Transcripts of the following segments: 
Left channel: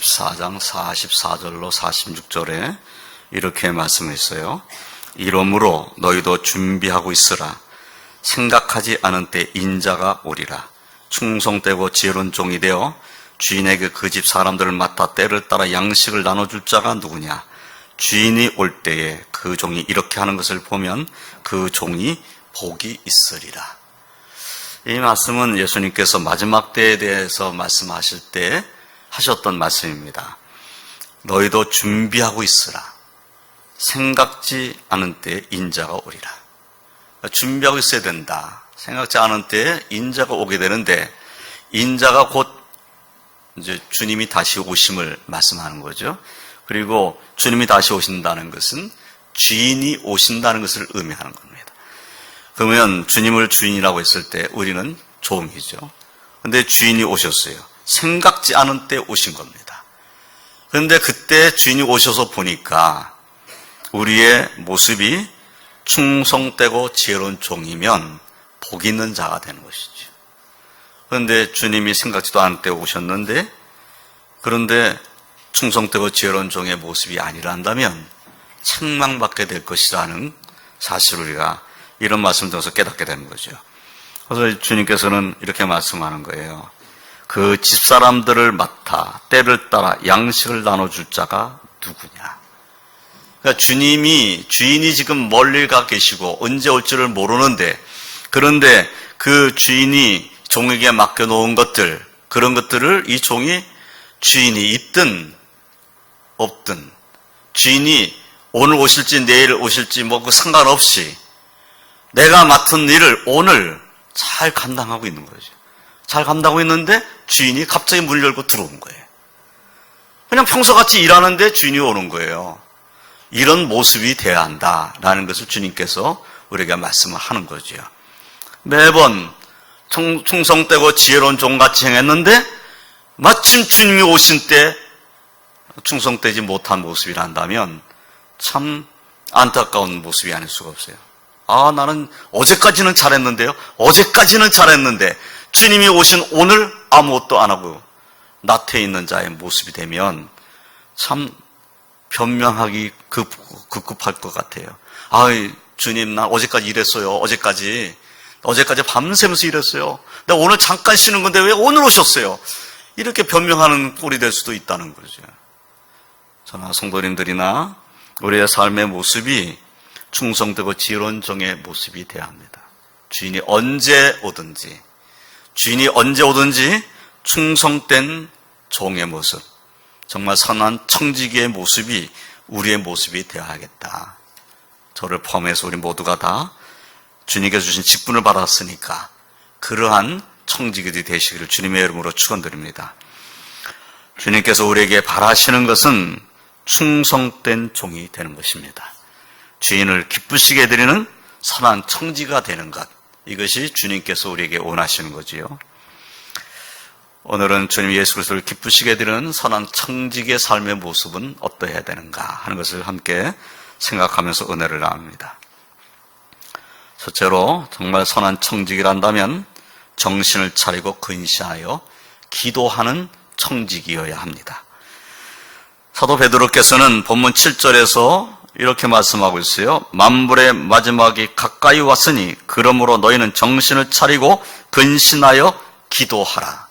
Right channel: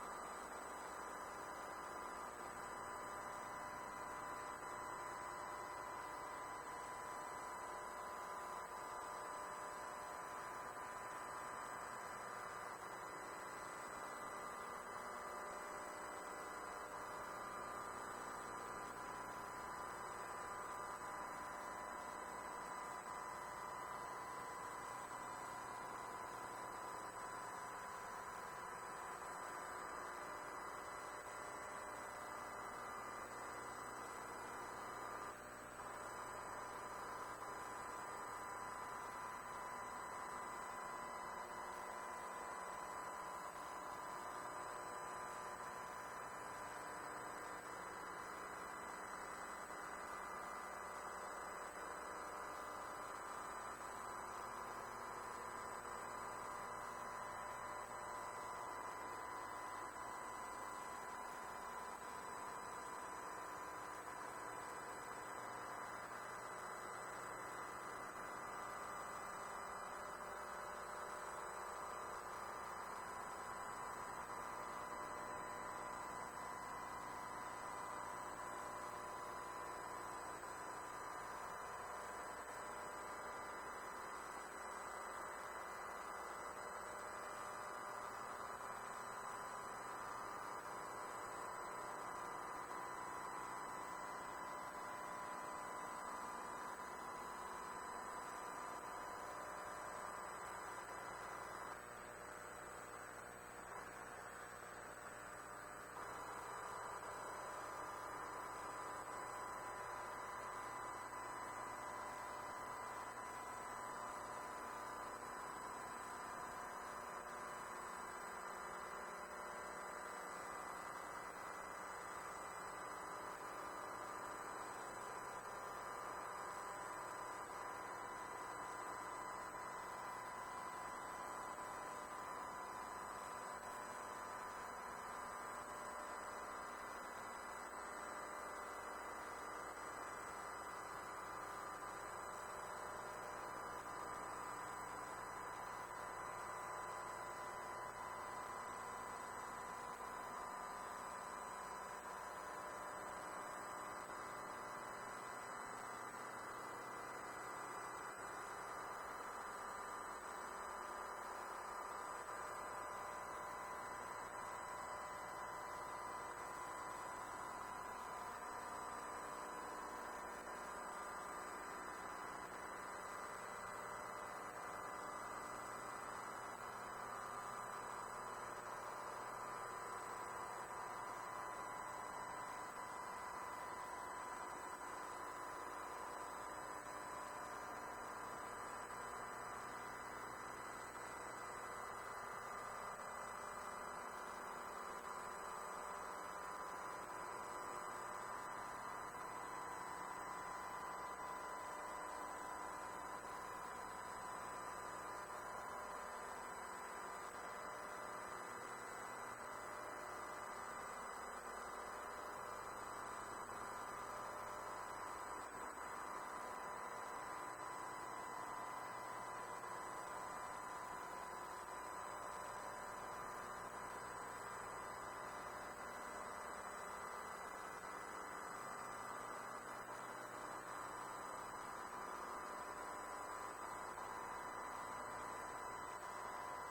24장 44절로 46절에 이렇게 말씀했어요. 이러므로 너희도 준비하고 있으라. 생각하지 않은 때 인자가 오리라. 충성되고 지혜로운 종이 되어 주인에게 그 집 사람들을 맡아 때를 따라 양식을 나눠줄 자가 누구냐. 주인이 올 때에 그 종이 이렇게 하는 것을 보면 그 종이 복이 있으리라. 이 말씀은 예수님께서 마지막 때에 대해서 말씀하실 때 하셨던 말씀입니다. 너희도 준비하고 있으라. 생각지 않은 때에 인자가 오리라. 준비하고 있어야 된다. 생각지 않은 때에 인자가 오게 되는데, 인자가 곧 이제 주님이 다시 오심을 말씀하는 거죠. 그리고 주님이 다시 오신다는 것은 주인이 오신다는 것을 의미하는 겁니다. 그러면 주님을 주인이라고 했을 때 우리는 종이죠. 그런데 주인이 오셨어요. 생각지 않은 때 오신 겁니다. 그런데 그때 주인이 오셔서 보니까 우리의 모습이 충성되고 지혜로운 종이면 복 있는 자가 되는 것이죠. 그런데 주님이 생각지도 않은 때 오셨는데, 그런데 충성되고 지혜로운 종의 모습이 아니란다면 책망받게 될 것이라는 사실을 우리가 이런 말씀을 통해서 깨닫게 되는 거죠. 그래서 주님께서는 이렇게 말씀하는 거예요. 그 집사람들을 맡아 때를 따라 양식을 나눠줄 자가 누구냐. 그러니까 주인이 지금 멀리 가 계시고 언제 올지를 모르는데, 그런데 그 주인이 종에게 맡겨놓은 것들, 그런 것들을 이 종이 주인이 있든 없든, 주인이 오늘 오실지 내일 오실지 뭐 그 상관없이 내가 맡은 일을 오늘 잘 감당하고 있는 거죠. 잘 감당하고 있는데 주인이 갑자기 문을 열고 들어온 거예요. 그냥 평소같이 일하는데 주인이 오는 거예요. 이런 모습이 돼야 한다라는 것을 주님께서 우리에게 말씀을 하는 거죠. 매번 충성되고 지혜로운 종같이 행했는데 마침 주님이 오신 때 충성되지 못한 모습이란다면 참 안타까운 모습이 아닐 수가 없어요. 나는 어제까지는 잘했는데요. 어제까지는 잘했는데 주님이 오신 오늘 아무것도 안 하고 나태해 있는 자의 모습이 되면 참 변명하기 급급할 것 같아요. 주님, 나 어제까지 일했어요. 어제까지 밤새면서 일했어요. 내가 오늘 잠깐 쉬는 건데 왜 오늘 오셨어요? 이렇게 변명하는 꼴이 될 수도 있다는 거죠. 저나 성도님들이나 우리의 삶의 모습이 충성되고 지혜로운 종의 모습이 되어야 합니다. 주인이 언제 오든지 충성된 종의 모습, 정말 선한 청지기의 모습이 우리의 모습이 되어야겠다. 저를 포함해서 우리 모두가 다 주님께서 주신 직분을 받았으니까 그러한 청지기들이 되시기를 주님의 이름으로 축원드립니다. 주님께서 우리에게 바라시는 것은 충성된 종이 되는 것입니다. 주인을 기쁘시게 해드리는 선한 청지가 되는 것, 이것이 주님께서 우리에게 원하시는 거지요. 오늘은 주님 예수 그리스도를 기쁘시게 해드리는 선한 청지기의 삶의 모습은 어떠해야 되는가 하는 것을 함께 생각하면서 은혜를 나눕니다. 첫째로 정말 선한 청지기란다면 정신을 차리고 근신하여 기도하는 청지기여야 합니다. 사도 베드로께서는 본문 7절에서 이렇게 말씀하고 있어요. 만물의 마지막이 가까이 왔으니 그러므로 너희는 정신을 차리고 근신하여 기도하라.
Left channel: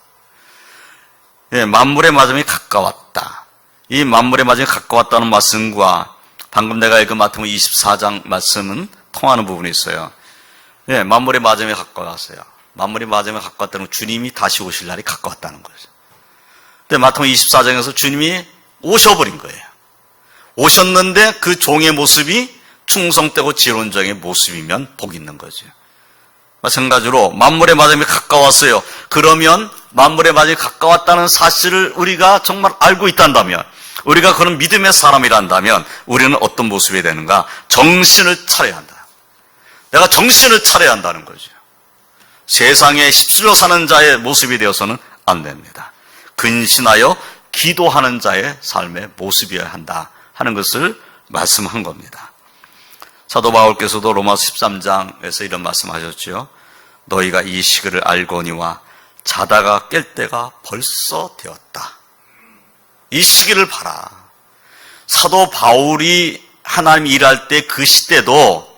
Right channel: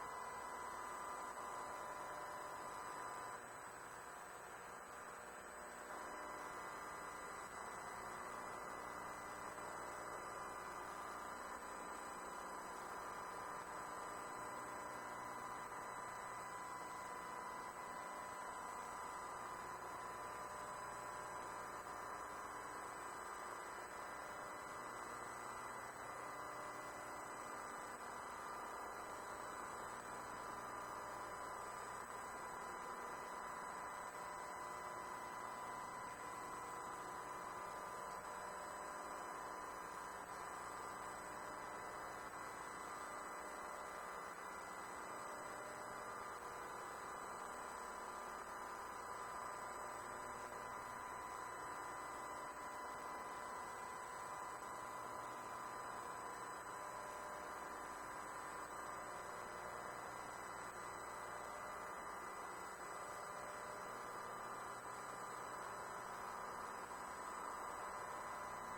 만물의 마지막이 가까웠다. 이 만물의 마지막이 가까웠다는 말씀과 방금 내가 읽은 마태복음 24장 말씀은 통하는 부분이 있어요. 만물의 마지막이 가까웠어요. 만물의 마지막이 가까웠다는 건 주님이 다시 오실 날이 가까웠다는 거죠. 근데 마태복음 24장에서 주님이 오셔버린 거예요. 오셨는데 그 종의 모습이 충성되고 지혜로운 종의 모습이면 복 있는 거죠. 마찬가지로 만물의 마지막이 가까웠어요. 그러면 만물의 마지막이 가까웠다는 사실을 우리가 정말 알고 있단다면, 우리가 그런 믿음의 사람이란다면 우리는 어떤 모습이 되는가? 정신을 차려야 한다. 내가 정신을 차려야 한다는 거죠. 세상에 휩쓸려 사는 자의 모습이 되어서는 안 됩니다. 근신하여 기도하는 자의 삶의 모습이어야 한다 하는 것을 말씀한 겁니다. 사도 바울께서도 로마서 13장에서 이런 말씀하셨죠. 너희가 이 시기를 알거니와 자다가 깰 때가 벌써 되었다. 이 시기를 봐라. 사도 바울이 하나님 일할 때 그 시대도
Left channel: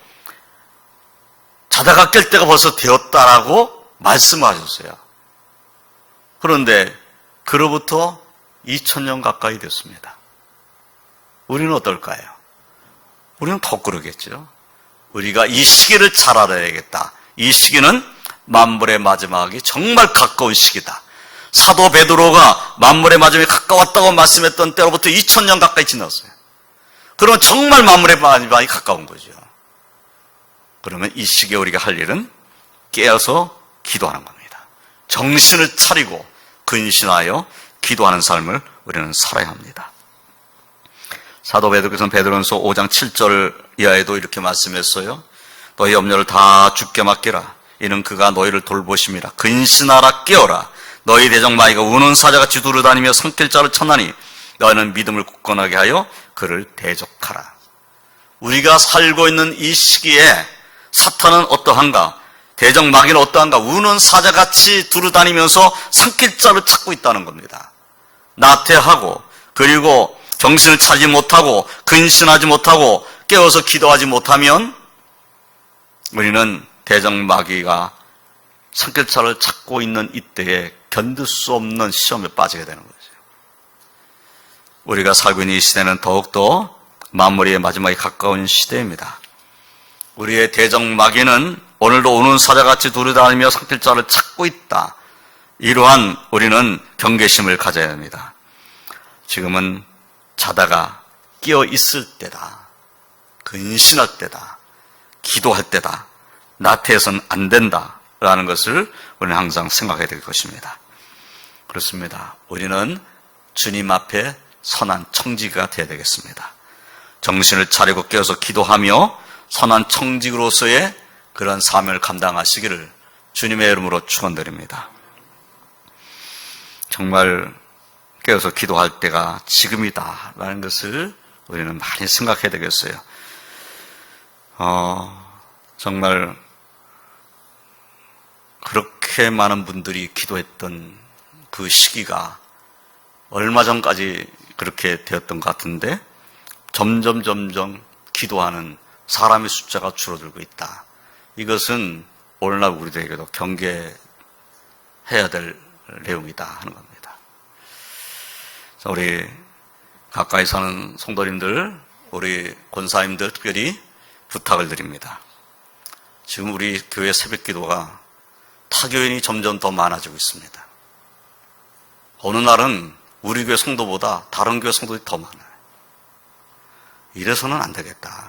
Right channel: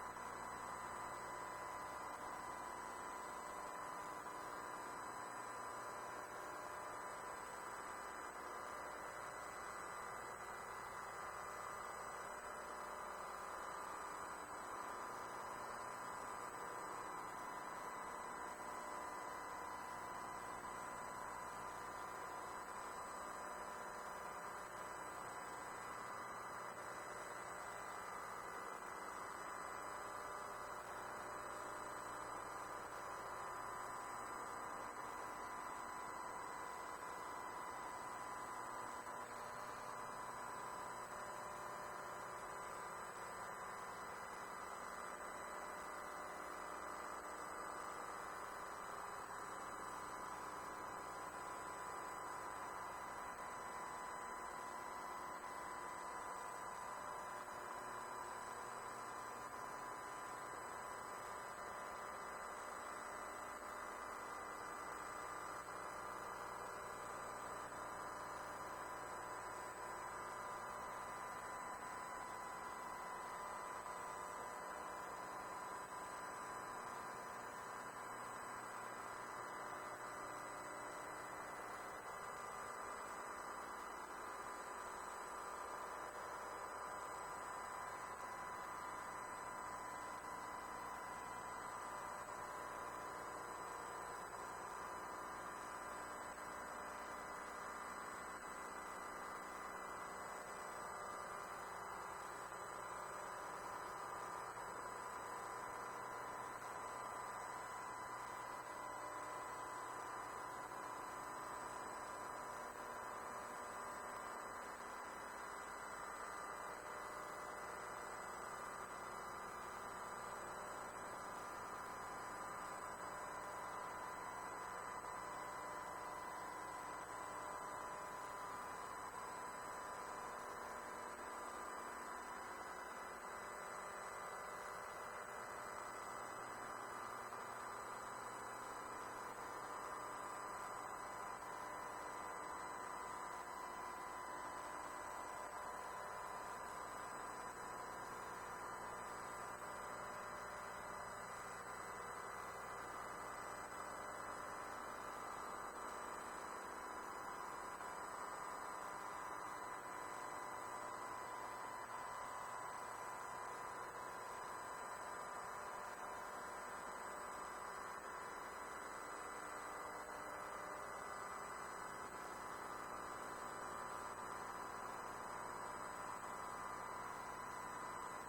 자다가 깰 때가 벌써 되었다라고 말씀하셨어요. 그런데 그로부터 2000년 가까이 됐습니다. 우리는 어떨까요? 우리는 더 그러겠죠. 우리가 이 시기를 잘 알아야겠다. 이 시기는 만물의 마지막이 정말 가까운 시기다. 사도 베드로가 만물의 마지막이 가까웠다고 말씀했던 때로부터 2000년 가까이 지났어요. 그러면 정말 만물의 마지막이 가까운 거죠. 그러면 이 시기에 우리가 할 일은 깨어서 기도하는 겁니다. 정신을 차리고 근신하여 기도하는 삶을 우리는 살아야 합니다. 사도 베드로께서는 베드로전서 5장 7절 이하에도 이렇게 말씀했어요. 너희 염려를 다 주께 맡기라. 이는 그가 너희를 돌보심이라. 근신하라, 깨어라. 너희 대적 마귀가 우는 사자같이 두루다니며 삼킬 자를 찾나니 너희는 믿음을 굳건하게 하여 그를 대적하라. 우리가 살고 있는 이 시기에 사탄은 어떠한가? 대적 마귀는 어떠한가? 우는 사자같이 두루다니면서 삼킬 자를 찾고 있다는 겁니다. 나태하고 그리고 정신을 차리지 못하고 근신하지 못하고 깨어서 기도하지 못하면 우리는 대적 마귀가 삼킬 자를 찾고 있는 이때에 견딜 수 없는 시험에 빠지게 되는 거죠. 우리가 살고 있는 이 시대는 더욱더 만물의 마지막에 가까운 시대입니다. 우리의 대적 마귀는 오늘도 우는 사자같이 두루다니며 삼킬 자를 찾고 있다. 이러한 우리는 경계심을 가져야 합니다. 지금은 자다가 깨어 있을 때다. 근신할 때다. 기도할 때다. 나태해서는 안 된다. 라는 것을 우리는 항상 생각해야 될 것입니다. 그렇습니다. 우리는 주님 앞에 선한 청지기가 되어야 되겠습니다. 정신을 차리고 깨어서 기도하며 선한 청지기로서의 그런 사명을 감당하시기를 주님의 이름으로 축원드립니다. 정말 깨어서 기도할 때가 지금이다라는 것을 우리는 많이 생각해야 되겠어요. 정말 그렇게 많은 분들이 기도했던 그 시기가 얼마 전까지 그렇게 되었던 것 같은데 점점 기도하는 사람의 숫자가 줄어들고 있다. 이것은 오늘날 우리들에게도 경계해야 될 내용이다 하는 겁니다. 우리 가까이 사는 성도님들, 우리 권사님들 특별히 부탁을 드립니다. 지금 우리 교회 새벽 기도가 타교인이 점점 더 많아지고 있습니다. 어느 날은 우리 교회 성도보다 다른 교회 성도들이 더 많아요. 이래서는 안 되겠다.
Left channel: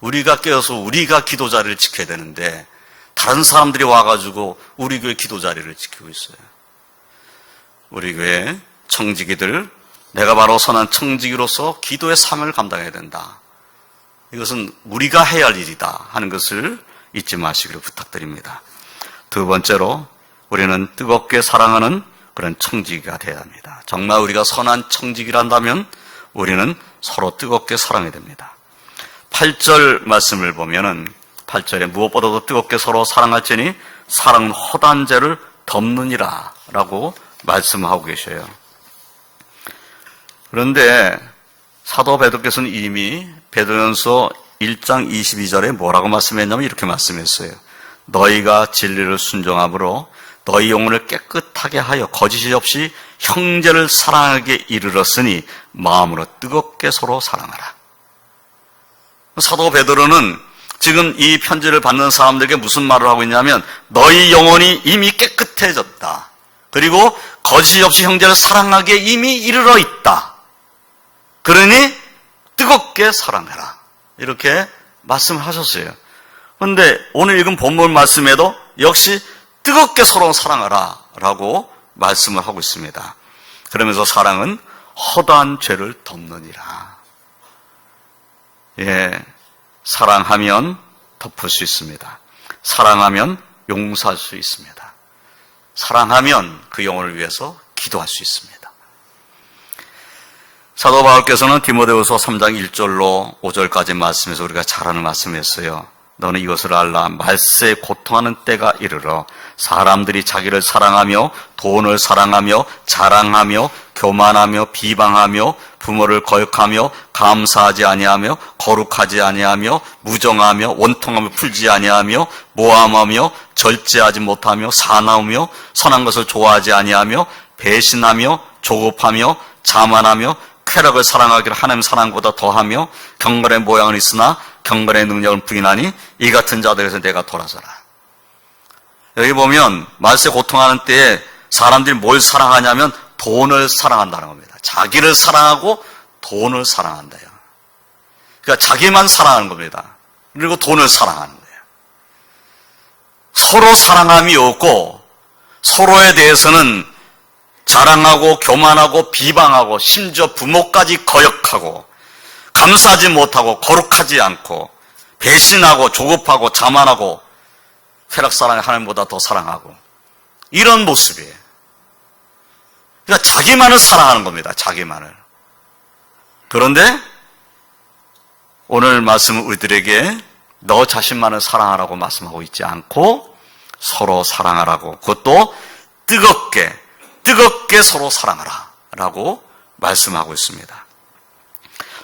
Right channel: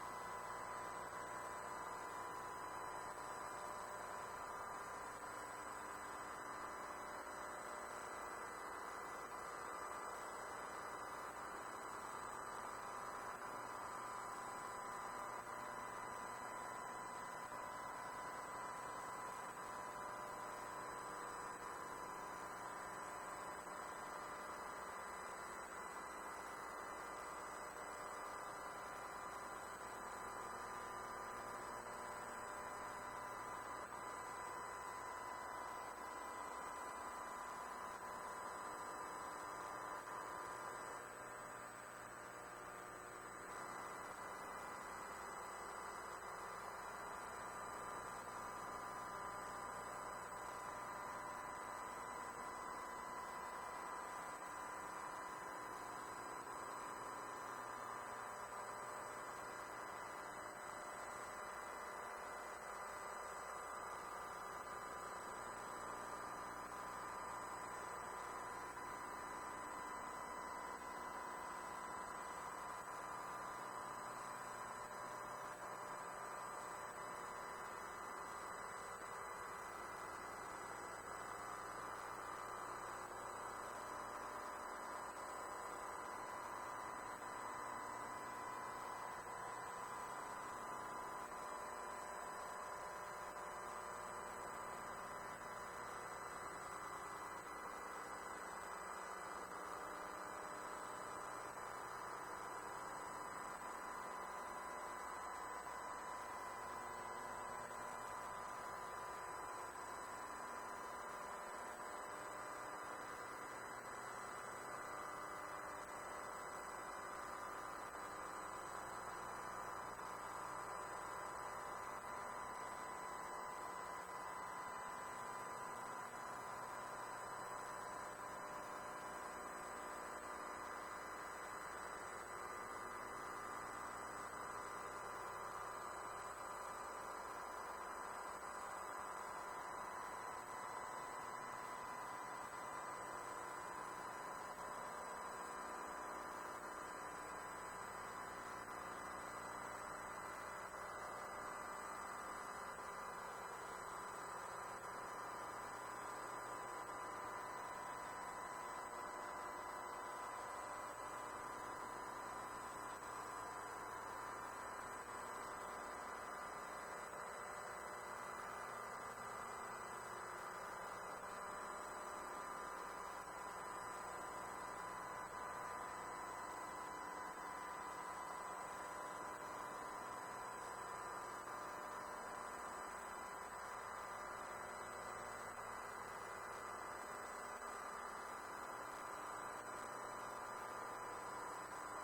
우리가 깨어서 우리가 기도 자리를 지켜야 되는데 다른 사람들이 와가지고 우리 교회 기도 자리를 지키고 있어요. 우리 교회 청지기들, 내가 바로 선한 청지기로서 기도의 사명을 감당해야 된다. 이것은 우리가 해야 할 일이다 하는 것을 잊지 마시기를 부탁드립니다. 두 번째로 우리는 뜨겁게 사랑하는 그런 청지기가 되어야 합니다. 정말 우리가 선한 청지기란다면 우리는 서로 뜨겁게 사랑해야 됩니다. 8절 말씀을 보면은 8절에 무엇보다도 뜨겁게 서로 사랑할지니 사랑은 허다한 죄를 덮느니라 라고 말씀하고 계셔요. 그런데 사도 베드로께서는 이미 베드로전서 1장 22절에 뭐라고 말씀했냐면 이렇게 말씀했어요. 너희가 진리를 순종함으로 너희 영혼을 깨끗하게 하여 거짓이 없이 형제를 사랑하게 이르렀으니 마음으로 뜨겁게 서로 사랑하라. 사도 베드로는 지금 이 편지를 받는 사람들에게 무슨 말을 하고 있냐면 너희 영혼이 이미 깨끗해졌다. 그리고 거짓이 없이 형제를 사랑하기에 이미 이르러 있다. 그러니 뜨겁게 사랑해라. 이렇게 말씀하셨어요. 그런데 오늘 읽은 본문 말씀에도 역시 뜨겁게 서로 사랑하라 라고 말씀을 하고 있습니다. 그러면서 사랑은 허다한 죄를 덮느니라. 사랑하면 덮을 수 있습니다. 사랑하면 용서할 수 있습니다. 사랑하면 그 영혼을 위해서 기도할 수 있습니다. 사도 바울께서는 디모데후서 3장 1절로 5절까지 말씀에서 우리가 잘 아는 말씀이었어요. 너는 이것을 알라. 말세에 고통하는 때가 이르러 사람들이 자기를 사랑하며 돈을 사랑하며 자랑하며 교만하며 비방하며 부모를 거역하며 감사하지 아니하며 거룩하지 아니하며 무정하며 원통함을 풀지 아니하며 모함하며 절제하지 못하며 사나우며 선한 것을 좋아하지 아니하며 배신하며 조급하며 자만하며 쾌락을 사랑하기를 하나님 사랑보다 더하며 경건의 모양은 있으나 경건의 능력을 부인하니 이 같은 자들에서 내가 돌아서라. 여기 보면 말세 고통하는 때에 사람들이 뭘 사랑하냐면 돈을 사랑한다는 겁니다. 자기를 사랑하고 돈을 사랑한대요. 그러니까 자기만 사랑하는 겁니다. 그리고 돈을 사랑하는 거예요. 서로 사랑함이 없고 서로에 대해서는 자랑하고 교만하고 비방하고 심지어 부모까지 거역하고 감사하지 못하고 거룩하지 않고 배신하고 조급하고 자만하고 쾌락사랑을 하나님보다 더 사랑하고 이런 모습이에요. 그러니까 자기만을 사랑하는 겁니다. 자기만을. 그런데 오늘 말씀은 우리들에게 너 자신만을 사랑하라고 말씀하고 있지 않고 서로 사랑하라고, 그것도 뜨겁게 서로 사랑하라 라고 말씀하고 있습니다.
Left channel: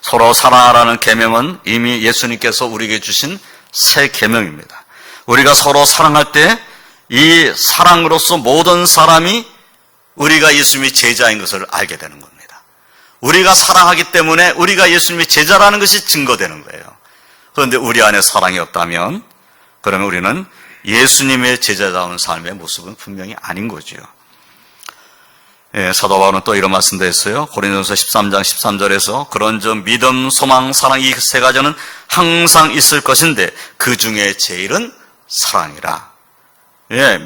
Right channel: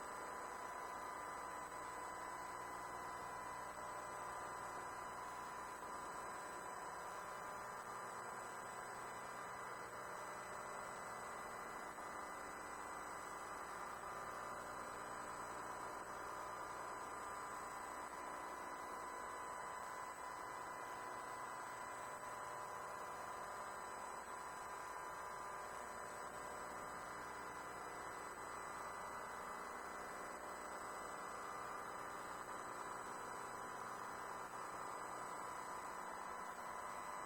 서로 사랑하라는 계명은 이미 예수님께서 우리에게 주신 새 계명입니다. 우리가 서로 사랑할 때 이 사랑으로서 모든 사람이 우리가 예수님의 제자인 것을 알게 되는 겁니다. 우리가 사랑하기 때문에 우리가 예수님의 제자라는 것이 증거되는 거예요. 그런데 우리 안에 사랑이 없다면 그러면 우리는 예수님의 제자다운 삶의 모습은 분명히 아닌 거죠. 사도 바울은 또 이런 말씀도 했어요. 고린도전서 13장 13절에서 그런즉 믿음, 소망, 사랑 이 세 가지는 항상 있을 것인데 그 중에 제일은 사랑이라.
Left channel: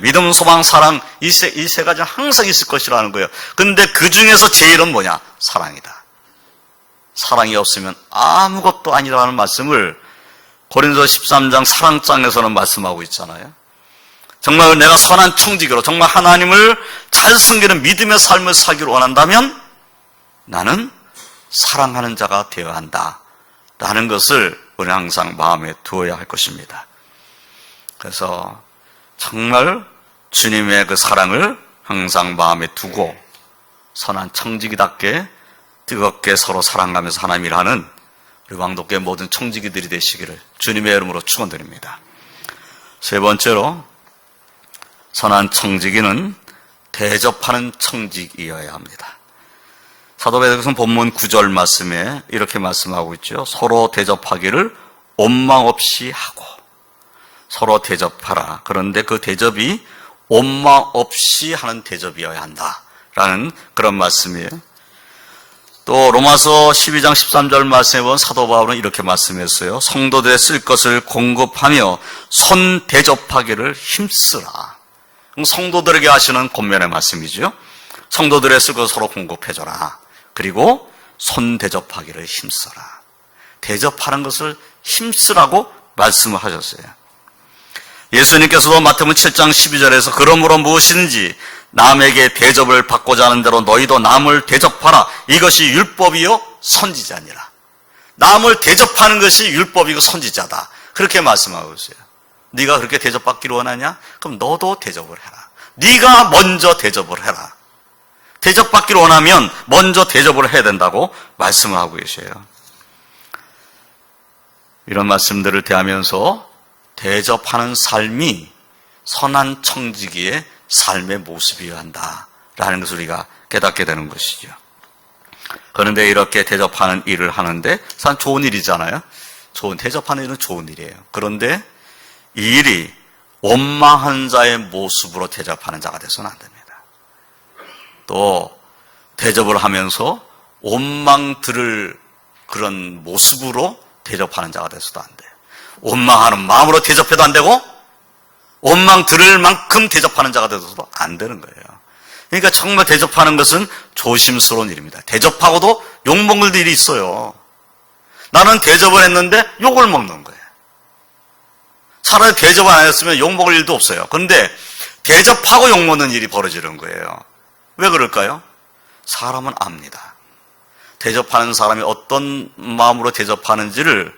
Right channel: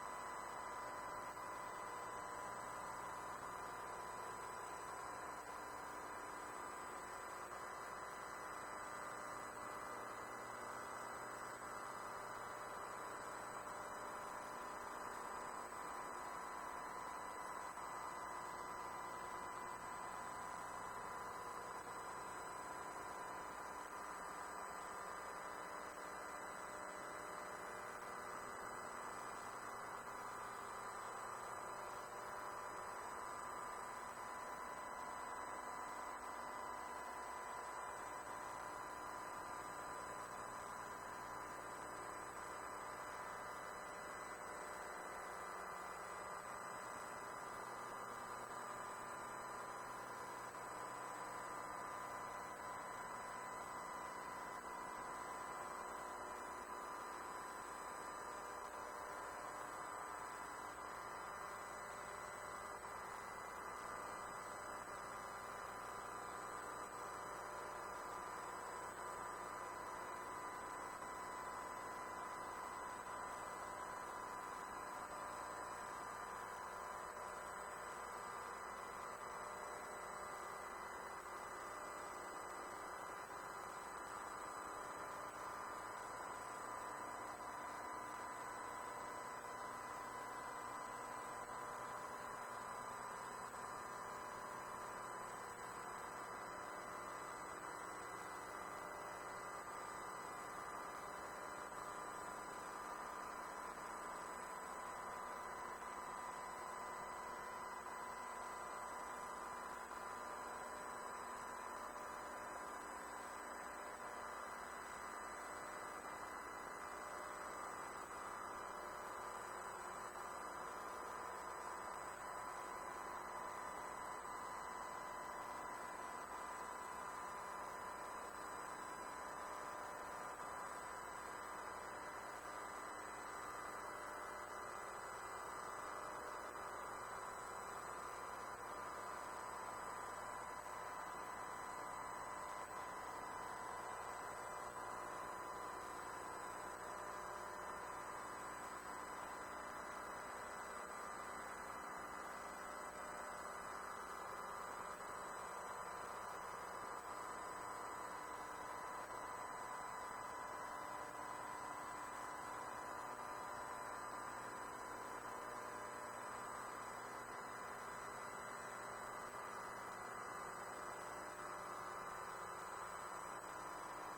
믿음, 소망, 사랑 이 세 가지는 항상 있을 것이라는 거예요. 근데 그 중에서 제일은 뭐냐? 사랑이다. 사랑이 없으면 아무것도 아니라는 말씀을 고린도전서 13장 사랑장에서는 말씀하고 있잖아요. 정말 내가 선한 청지기로 정말 하나님을 잘 섬기는 믿음의 삶을 살기를 원한다면 나는 사랑하는 자가 되어야 한다 라는 것을 우리는 항상 마음에 두어야 할 것입니다. 그래서 정말 주님의 그 사랑을 항상 마음에 두고 선한 청지기답게 뜨겁게 서로 사랑하면서 하나님 일하는 우리 왕독교의 모든 청지기들이 되시기를 주님의 이름으로 축원드립니다. 세 번째로 선한 청지기는 대접하는 청지기여야 합니다. 사도 베드로서 본문 9절 말씀에 이렇게 말씀하고 있죠. 서로 대접하기를 원망 없이 하고 서로 대접하라. 그런데 그 대접이 원망 없이 하는 대접이어야 한다라는 그런 말씀이에요. 또 로마서 12장 13절 말씀에 보면 사도 바울은 이렇게 말씀했어요. 성도들의 쓸 것을 공급하며 손 대접하기를 힘쓰라. 성도들에게 하시는 권면의 말씀이죠. 성도들의 쓸 것을 서로 공급해줘라. 그리고 손 대접하기를 힘쓰라. 대접하는 것을 힘쓰라고 말씀을 하셨어요. 예수님께서도 마태복음 7장 12절에서 그러므로 무엇이든지 남에게 대접을 받고자 하는 대로 너희도 남을 대접하라. 이것이 율법이요 선지자니라. 남을 대접하는 것이 율법이고 선지자다. 그렇게 말씀하고 있어요. 네가 그렇게 대접받기를 원하냐? 그럼 너도 대접을 해라. 네가 먼저 대접을 해라. 대접받기를 원하면 먼저 대접을 해야 된다고 말씀을 하고 계셔요. 이런 말씀들을 대하면서 대접하는 삶이 선한 청지기의 삶의 모습이어야 한다라는 것을 우리가 깨닫게 되는 것이죠. 그런데 이렇게 대접하는 일을 하는데 참 좋은 일이잖아요. 대접하는 일은 좋은 일이에요. 그런데 이 일이 원망한 자의 모습으로 대접하는 자가 돼서는 안 됩니다. 또 대접을 하면서 원망 들을 그런 모습으로 대접하는 자가 돼서도 안 돼요. 원망하는 마음으로 대접해도 안 되고 원망 들을 만큼 대접하는 자가 돼서도 안 되는 거예요. 그러니까 정말 대접하는 것은 조심스러운 일입니다. 대접하고도 욕먹을 일이 있어요. 나는 대접을 했는데 욕을 먹는 거예요. 차라리 대접 안 했으면 욕먹을 일도 없어요. 그런데 대접하고 욕먹는 일이 벌어지는 거예요. 왜 그럴까요? 사람은 압니다. 대접하는 사람이 어떤 마음으로 대접하는지를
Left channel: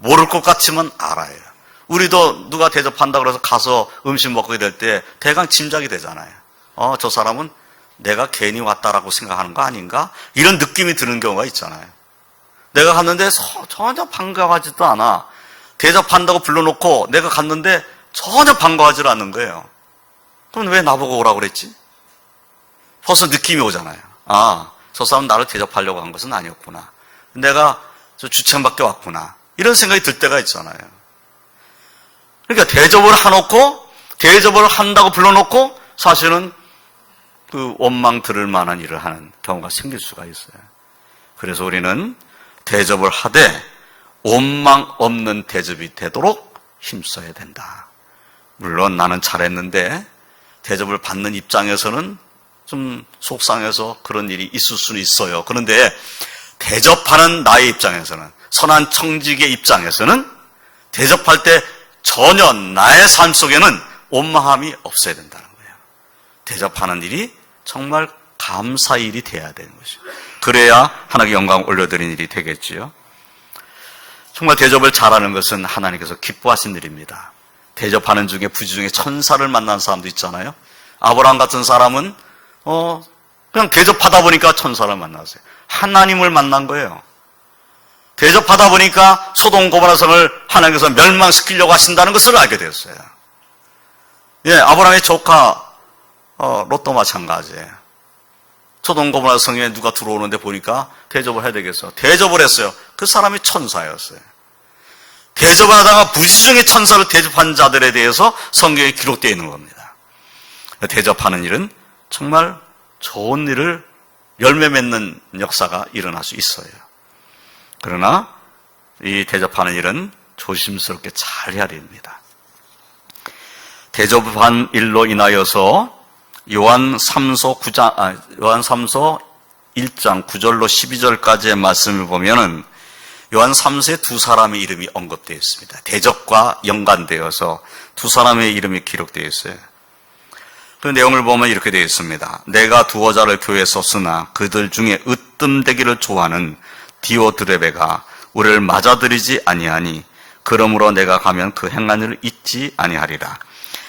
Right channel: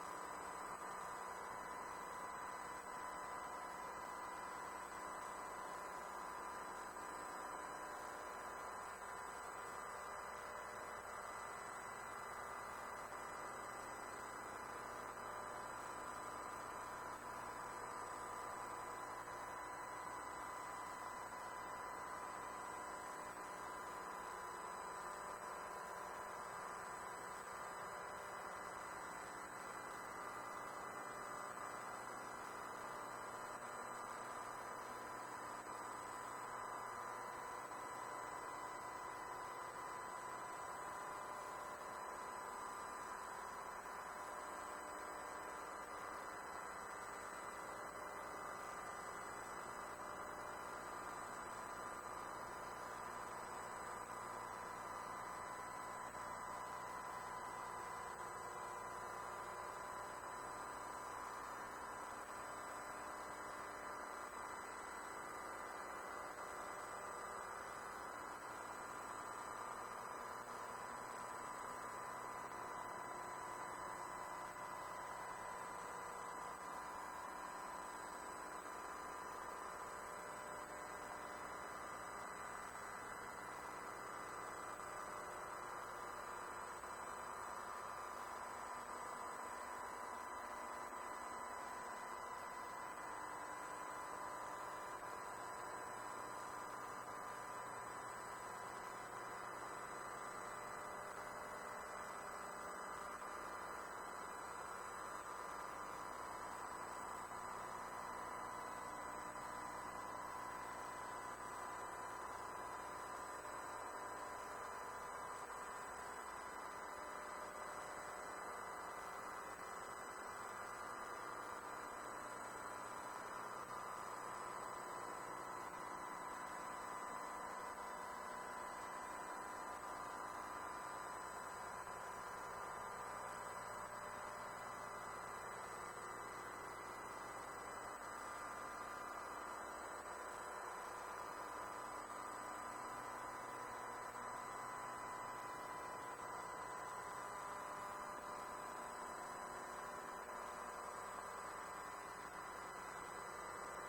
모를 것 같지만 알아요. 우리도 누가 대접한다 그래서 가서 음식 먹게 될 때 대강 짐작이 되잖아요. 저 사람은 내가 괜히 왔다라고 생각하는 거 아닌가? 이런 느낌이 드는 경우가 있잖아요. 내가 갔는데 전혀 반가워하지도 않아. 대접한다고 불러놓고 내가 갔는데 전혀 반가워하지 않는 거예요. 그럼 왜 나보고 오라고 그랬지? 벌써 느낌이 오잖아요. 저 사람은 나를 대접하려고 한 것은 아니었구나. 내가 저 주차장밖에 왔구나. 이런 생각이 들 때가 있잖아요. 그러니까 대접을 해놓고, 대접을 한다고 불러놓고 사실은 그 원망 들을 만한 일을 하는 경우가 생길 수가 있어요. 그래서 우리는 대접을 하되 원망 없는 대접이 되도록 힘써야 된다. 물론 나는 잘했는데 대접을 받는 입장에서는 좀 속상해서 그런 일이 있을 수는 있어요. 그런데 대접하는 나의 입장에서는, 선한 청직의 입장에서는 대접할 때 전혀 나의 삶 속에는 원망함이 없어야 된다는 거예요. 대접하는 일이 정말 감사의 일이 돼야 되는 것이죠. 그래야 하나님께 영광 올려드리는 일이 되겠지요. 정말 대접을 잘하는 것은 하나님께서 기뻐하신 일입니다. 대접하는 중에 부지 중에 천사를 만난 사람도 있잖아요. 아브라함 같은 사람은 그냥 대접하다 보니까 천사를 만났어요. 하나님을 만난 거예요. 대접하다 보니까 소돔 고모라 성을 하나님께서 멸망시키려고 하신다는 것을 알게 되었어요. 아브라함의 조카 롯도 마찬가지예요. 소돔 고모라 성에 누가 들어오는데 보니까 대접을 해야 되겠어. 대접을 했어요. 그 사람이 천사였어요. 대접을 하다가 부지 중에 천사를 대접한 자들에 대해서 성경에 기록되어 있는 겁니다. 대접하는 일은 정말 좋은 일을 열매 맺는 역사가 일어날 수 있어요. 그러나 이 대접하는 일은 조심스럽게 잘 해야 됩니다. 대접한 일로 인하여서 요한 3서 1장 9절로 12절까지의 말씀을 보면은 요한 3서에 두 사람의 이름이 언급되어 있습니다. 대접과 연관되어서 두 사람의 이름이 기록되어 있어요. 그 내용을 보면 이렇게 되어 있습니다. 내가 두어 자를 교회에 썼으나 그들 중에 으뜸되기를 좋아하는 디오드레베가 우리를 맞아들이지 아니하니 그러므로 내가 가면 그 행한 일을 잊지 아니하리라.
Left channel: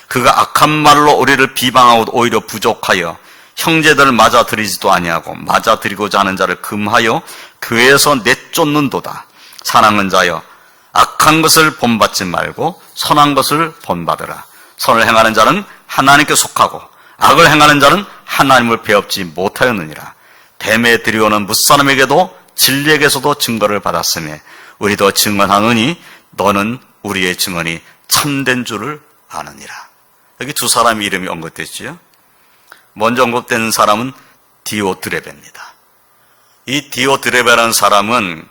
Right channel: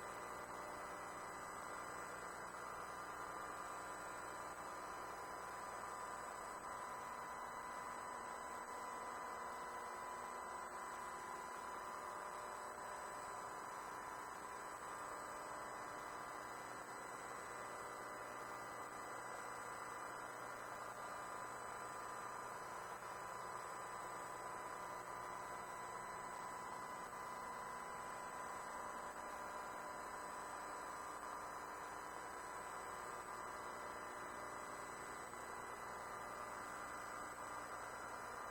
그가 악한 말로 우리를 비방하고 오히려 부족하여 형제들을 맞아들이지도 아니하고 맞아들이고자 하는 자를 금하여 교회에서 내쫓는도다. 사랑하는 자여, 악한 것을 본받지 말고 선한 것을 본받으라. 선을 행하는 자는 하나님께 속하고 악을 행하는 자는 하나님을 배웁지 못하였느니라. 데메드리오는 무사람에게도 진리에게서도 증거를 받았으며 우리도 증언하느니 너는 우리의 증언이 참된 줄을 아느니라. 여기 두 사람의 이름이 언급됐지요. 먼저 언급된 사람은 디오드레베입니다. 이 디오드레베라는 사람은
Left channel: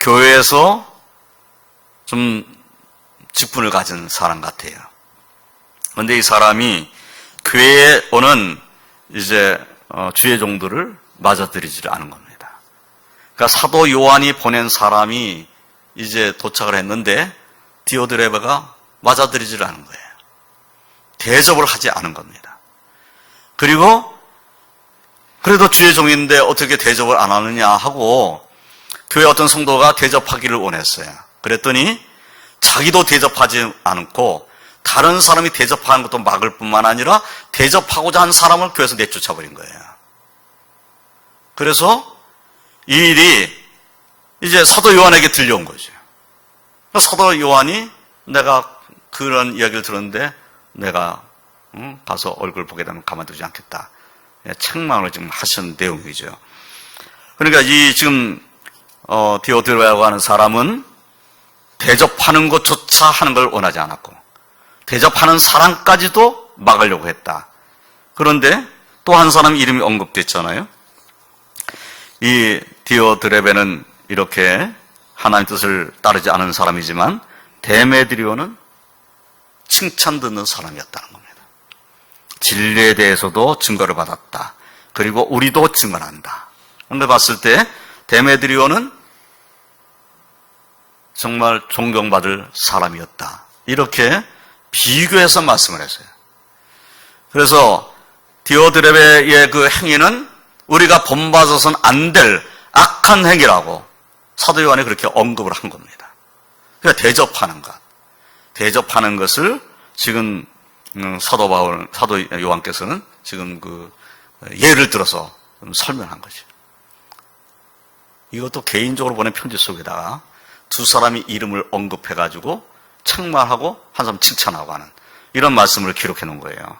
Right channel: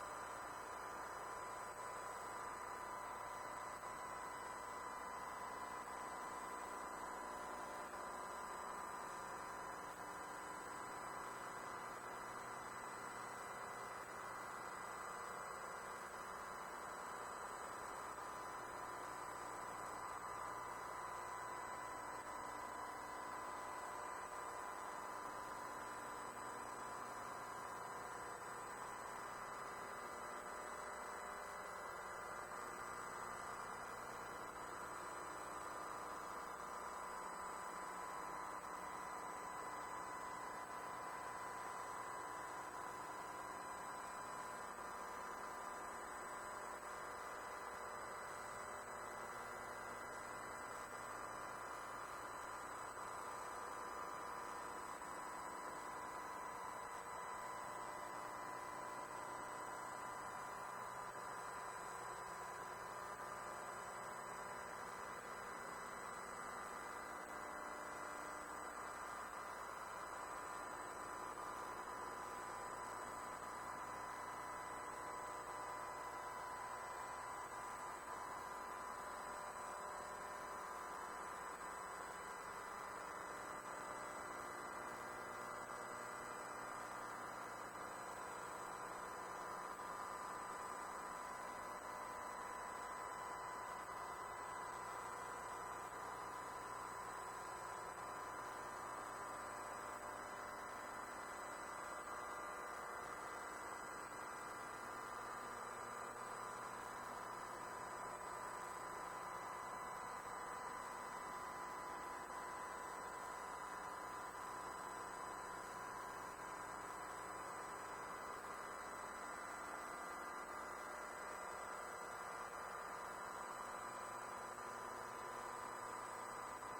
교회에서 좀 직분을 가진 사람 같아요. 그런데 이 사람이 교회에 오는 이제 주의 종들을 맞아들이지 않은 겁니다. 그러니까 사도 요한이 보낸 사람이 이제 도착을 했는데 디오드레베가 맞아들이지 않은 거예요. 대접을 하지 않은 겁니다. 그리고 그래도 주의 종인데 어떻게 대접을 안 하느냐 하고 교회 어떤 성도가 대접하기를 원했어요. 그랬더니 자기도 대접하지 않고 다른 사람이 대접하는 것도 막을 뿐만 아니라 대접하고자 한 사람을 교회에서 내쫓아버린 거예요. 그래서 이 일이 이제 사도 요한에게 들려온 거죠. 사도 요한이 내가 그런 이야기를 들었는데 내가 가서 얼굴 보게 되면 가만두지 않겠다. 책망을 지금 하신 내용이죠. 그러니까 이 지금 디오드레베라고 하는 사람은 대접하는 것조차 하는 걸 원하지 않았고 대접하는 사람까지도 막으려고 했다. 그런데 또 한 사람 이름이 언급됐잖아요. 이 디오드레베는 이렇게 하나님 뜻을 따르지 않은 사람이지만 데메드리오는 칭찬 듣는 사람이었다는 겁니다. 진리에 대해서도 증거를 받았다. 그리고 우리도 증언한다. 그런데 봤을 때 데메드리오는 정말 존경받을 사람이었다. 이렇게 비교해서 말씀을 했어요. 그래서 디오드레베의 그 행위는 우리가 본받아서는 안 될 악한 행위라고 사도 요한이 그렇게 언급을 한 겁니다. 그러니까 대접하는 것. 대접하는 것을 지금 사도 요한께서는 지금 예를 들어서 설명한 거죠. 이것도 개인적으로 보낸 편지 속에다가 두 사람이 이름을 언급해가지고 책망하고 한 사람 칭찬하고 하는 이런 말씀을 기록해 놓은 거예요.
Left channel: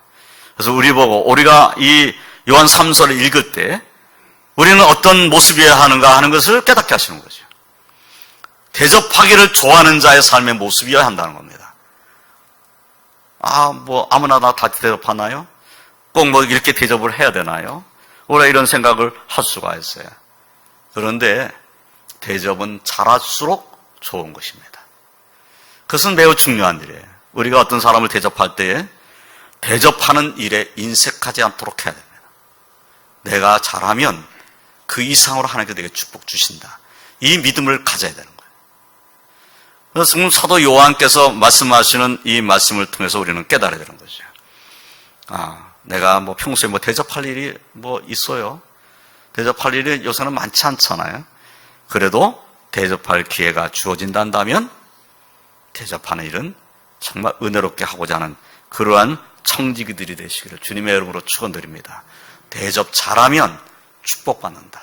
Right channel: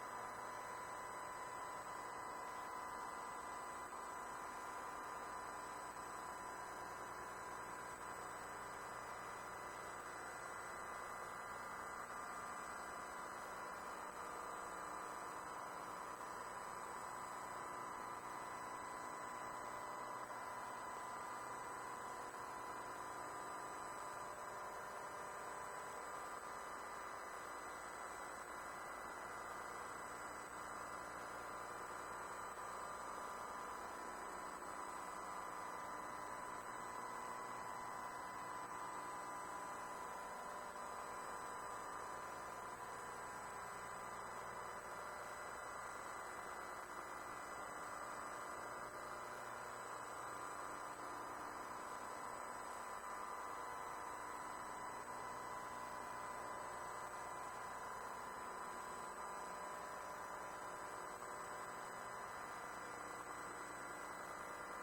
그래서 우리가 이 요한 3서를 읽을 때 우리는 어떤 모습이어야 하는가 하는 것을 깨닫게 하시는 거죠. 대접하기를 좋아하는 자의 삶의 모습이어야 한다는 겁니다. 아무나 다 대접하나요? 꼭 이렇게 대접을 해야 되나요? 우리가 이런 생각을 할 수가 있어요. 그런데 대접은 잘할수록 좋은 것입니다. 그것은 매우 중요한 일이에요. 우리가 어떤 사람을 대접할 때에 대접하는 일에 인색하지 않도록 해야 됩니다. 내가 잘하면 그 이상으로 하나님께 내게 축복 주신다. 이 믿음을 가져야 되는 거예요. 그래서 지금 사도 요한께서 말씀하시는 이 말씀을 통해서 우리는 깨달아야 되는 거죠. 내가 평소에 대접할 일이 있어요. 대접할 일이 요새는 많지 않잖아요. 그래도 대접할 기회가 주어진다면 대접하는 일은 정말 은혜롭게 하고자 하는 그러한 청지기들이 되시기를 주님의 이름으로 축원드립니다. 대접 잘하면 축복받는다.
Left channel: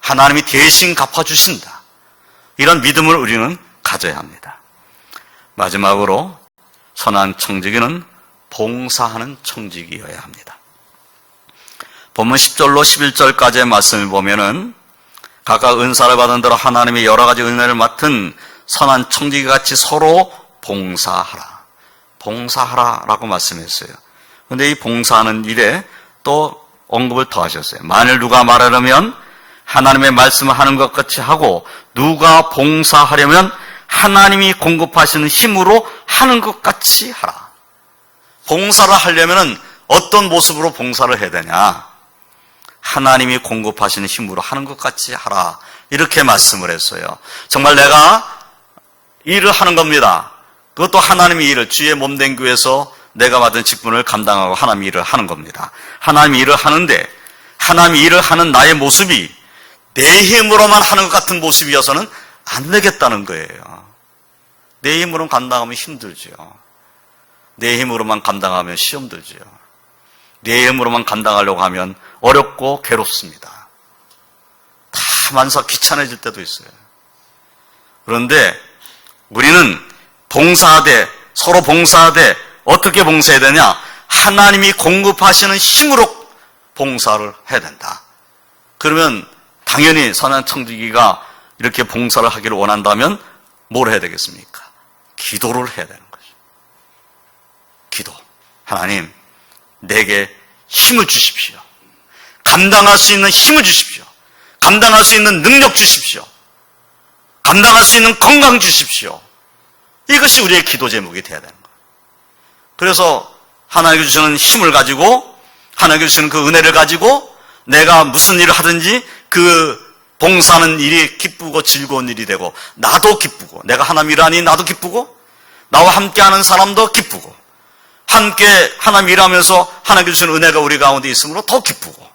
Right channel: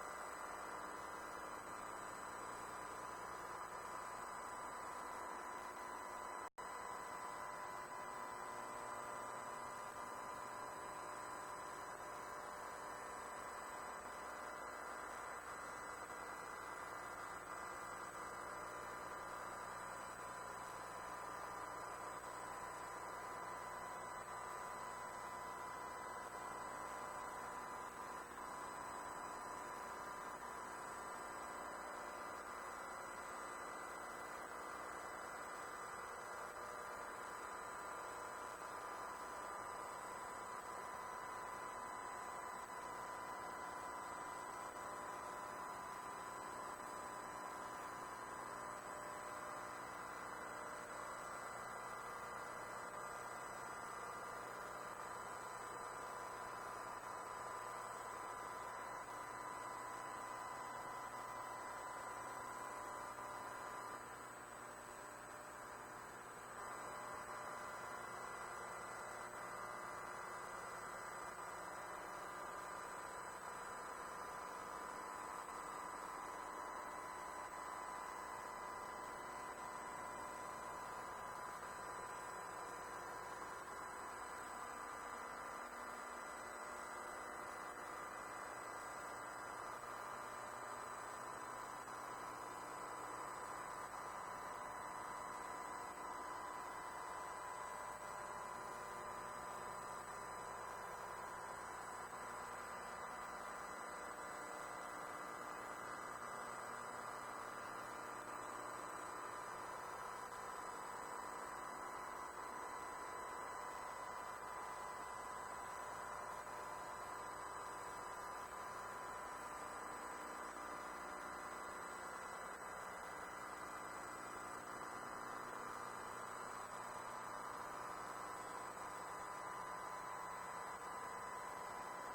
하나님이 대신 갚아주신다. 이런 믿음을 우리는 가져야 합니다. 마지막으로 선한 청지기는 봉사하는 청지기여야 합니다. 본문 10절로 11절까지의 말씀을 보면은 각각 은사를 받은 대로 하나님의 여러 가지 은혜를 맡은 선한 청지기같이 서로 봉사하라라고 말씀했어요. 그런데 이 봉사하는 일에 또 언급을 더 하셨어요. 만일 누가 말하려면 하나님의 말씀을 하는 것 같이 하고 누가 봉사하려면 하나님이 공급하시는 힘으로 하는 것 같이 하라. 봉사를 하려면 어떤 모습으로 봉사를 해야 되냐? 하나님이 공급하시는 힘으로 하는 것 같이 하라. 이렇게 말씀을 했어요. 정말 내가 일을 하는 겁니다. 그것도 하나님의 일을 주의 몸된 교회에서 내가 받은 직분을 감당하고 하나님의 일을 하는 겁니다. 하나님의 일을 하는데 하나님의 일을 하는 나의 모습이 내 힘으로만 하는 것 같은 모습이어서는 안 되겠다는 거예요. 내 힘으로만 감당하면 힘들죠. 내 힘으로만 감당하면 시험 들죠. 내 힘으로만 감당하려고 하면 어렵고 괴롭습니다. 다 만사 귀찮아질 때도 있어요. 그런데 우리는 봉사하되 서로 봉사하되 어떻게 봉사해야 되냐? 하나님이 공급하시는 힘으로 봉사를 해야 된다. 그러면 당연히 선한 청지기가 이렇게 봉사를 하기를 원한다면 뭘 해야 되겠습니까? 기도를 해야 되는 거죠. 기도. 하나님, 내게 힘을 주십시오. 감당할 수 있는 힘을 주십시오. 감당할 수 있는 능력 주십시오. 감당할 수 있는 건강 주십시오. 이것이 우리의 기도 제목이 되어야 되는 거예요. 그래서 하나님께 주시는 힘을 가지고 하나님께 주시는 그 은혜를 가지고 내가 무슨 일을 하든지 그 봉사하는 일이 기쁘고 즐거운 일이 되고 나도 기쁘고 내가 하나님 일하니 나도 기쁘고 나와 함께하는 사람도 기쁘고 함께 하나님 일하면서 하나님께 주시는 은혜가 우리 가운데 있으므로 더 기쁘고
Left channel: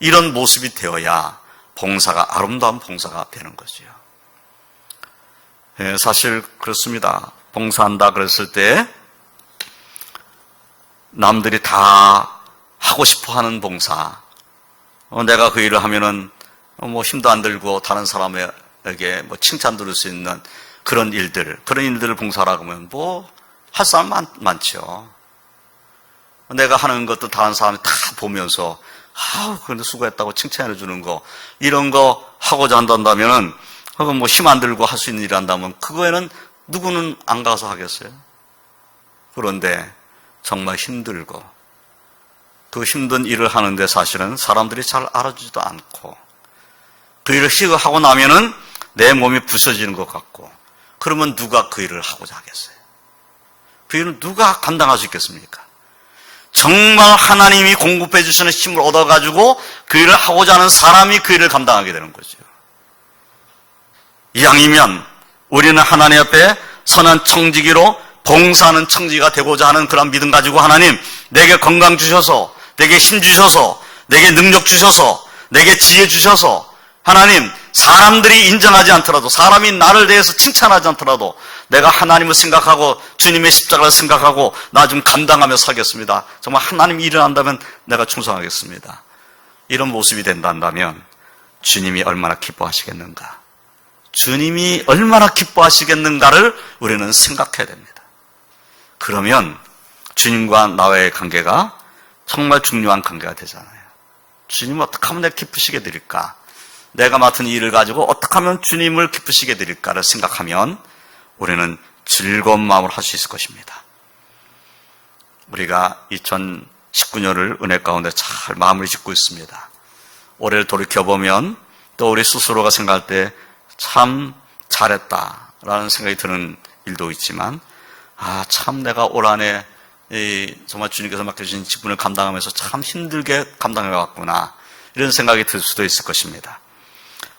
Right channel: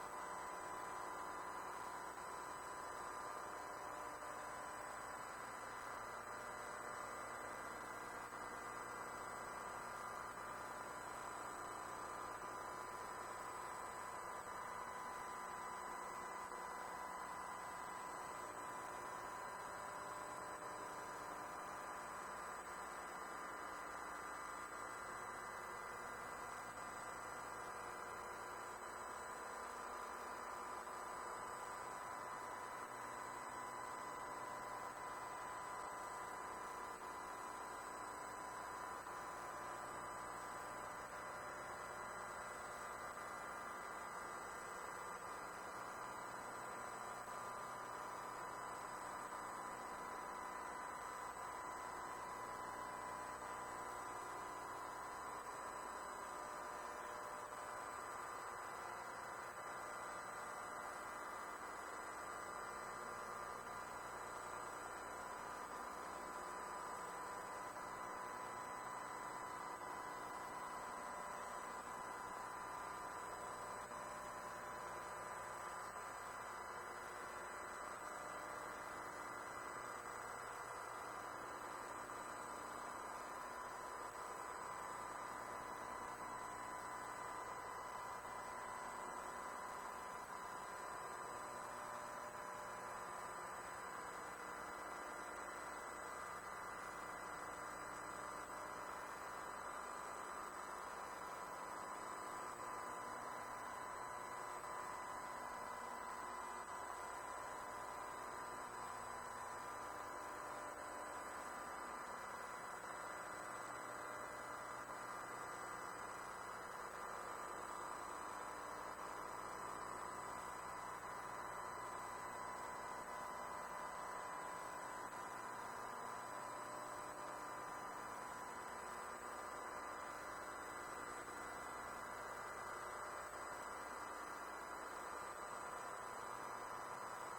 이런 모습이 되어야 봉사가 아름다운 봉사가 되는 거죠. 예, 사실 그렇습니다. 봉사한다 그랬을 때 남들이 다 하고 싶어 하는 봉사, 내가 그 일을 하면은 힘도 안 들고 다른 사람에게 칭찬 들을 수 있는 그런 일들을 봉사라고 하면 할 사람 많죠. 내가 하는 것도 다른 사람이 다 보면서 그런데 수고했다고 칭찬해 주는 거 이런 거 하고자 한다면은 힘 안 들고 할 수 있는 일 한다면 그거에는 누구는 안 가서 하겠어요? 그런데 정말 힘들고 그 힘든 일을 하는데 사실은 사람들이 잘 알아주지도 않고 그 일을 하고 나면은 내 몸이 부서지는 것 같고 그러면 누가 그 일을 하고자 하겠어요? 그 일을 누가 감당할 수 있겠습니까? 정말 하나님이 공급해 주시는 힘을 얻어가지고 그 일을 하고자 하는 사람이 그 일을 감당하게 되는 거죠. 이왕이면 우리는 하나님 앞에 선한 청지기로 봉사하는 청지기가 되고자 하는 그런 믿음 가지고 하나님 내게 건강 주셔서 내게 힘 주셔서 내게 능력 주셔서 내게 지혜 주셔서 하나님 사람들이 인정하지 않더라도 사람이 나를 대해서 칭찬하지 않더라도 내가 하나님을 생각하고 주님의 십자가를 생각하고 나 좀 감당하며 살겠습니다. 정말 하나님 일을 한다면 내가 충성하겠습니다. 이런 모습이 된다면 주님이 얼마나 기뻐하시겠는가? 주님이 얼마나 기뻐하시겠는가를 우리는 생각해야 됩니다. 그러면 주님과 나와의 관계가 정말 중요한 관계가 되잖아요. 주님 어떻게 하면 내가 기쁘시게 드릴까? 내가 맡은 일을 가지고 어떻게 하면 주님을 기쁘시게 드릴까를 생각하면 우리는 즐거운 마음으로 할 수 있을 것입니다. 우리가 2019년을 은혜 가운데 잘 마무리 짓고 있습니다. 올해를 돌이켜보면 또 우리 스스로가 생각할 때 참 잘했다라는 생각이 드는 일도 있지만 참 내가 올 한해 정말 주님께서 맡겨주신 직분을 감당하면서 참 힘들게 감당해왔구나 이런 생각이 들 수도 있을 것입니다.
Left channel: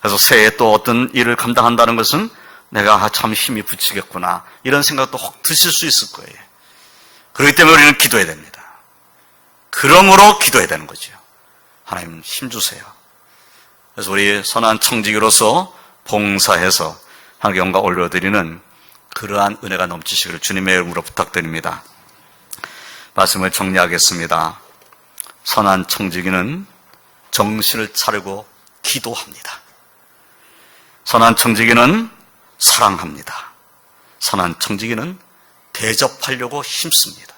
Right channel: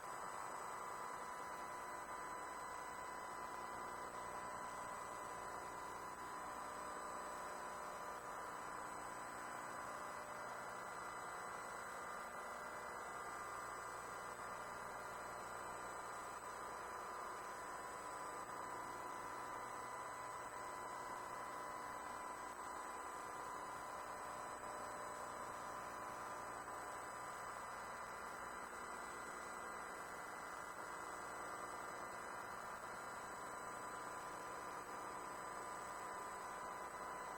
그래서 새해 또 어떤 일을 감당한다는 것은 내가 참 힘이 붙이겠구나 이런 생각도 혹 드실 수 있을 거예요. 그렇기 때문에 우리는 기도해야 됩니다. 그러므로 기도해야 되는 거죠. 하나님 힘 주세요. 그래서 우리 선한 청지기로서 봉사해서 하나님께 영광 올려드리는 그러한 은혜가 넘치시기를 주님의 이름으로 부탁드립니다. 말씀을 정리하겠습니다. 선한 청지기는 정신을 차리고 기도합니다. 선한 청지기는 사랑합니다. 선한 청지기는 대접하려고 힘씁니다.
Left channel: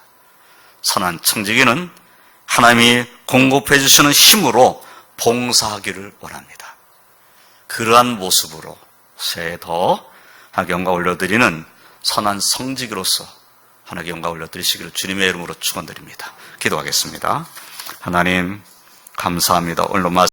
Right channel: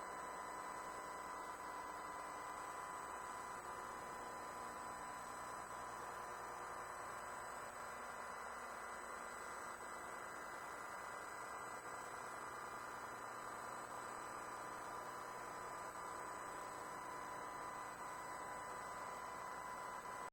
선한 청지기는 하나님이 공급해 주시는 힘으로 봉사하기를 원합니다. 그러한 모습으로 새해 더 하나님께 영광 올려드리는 선한 성지기로서 하나님께 영광 올려드리시기를 주님의 이름으로 축원드립니다. 기도하겠습니다. 하나님 감사합니다. 오늘 말씀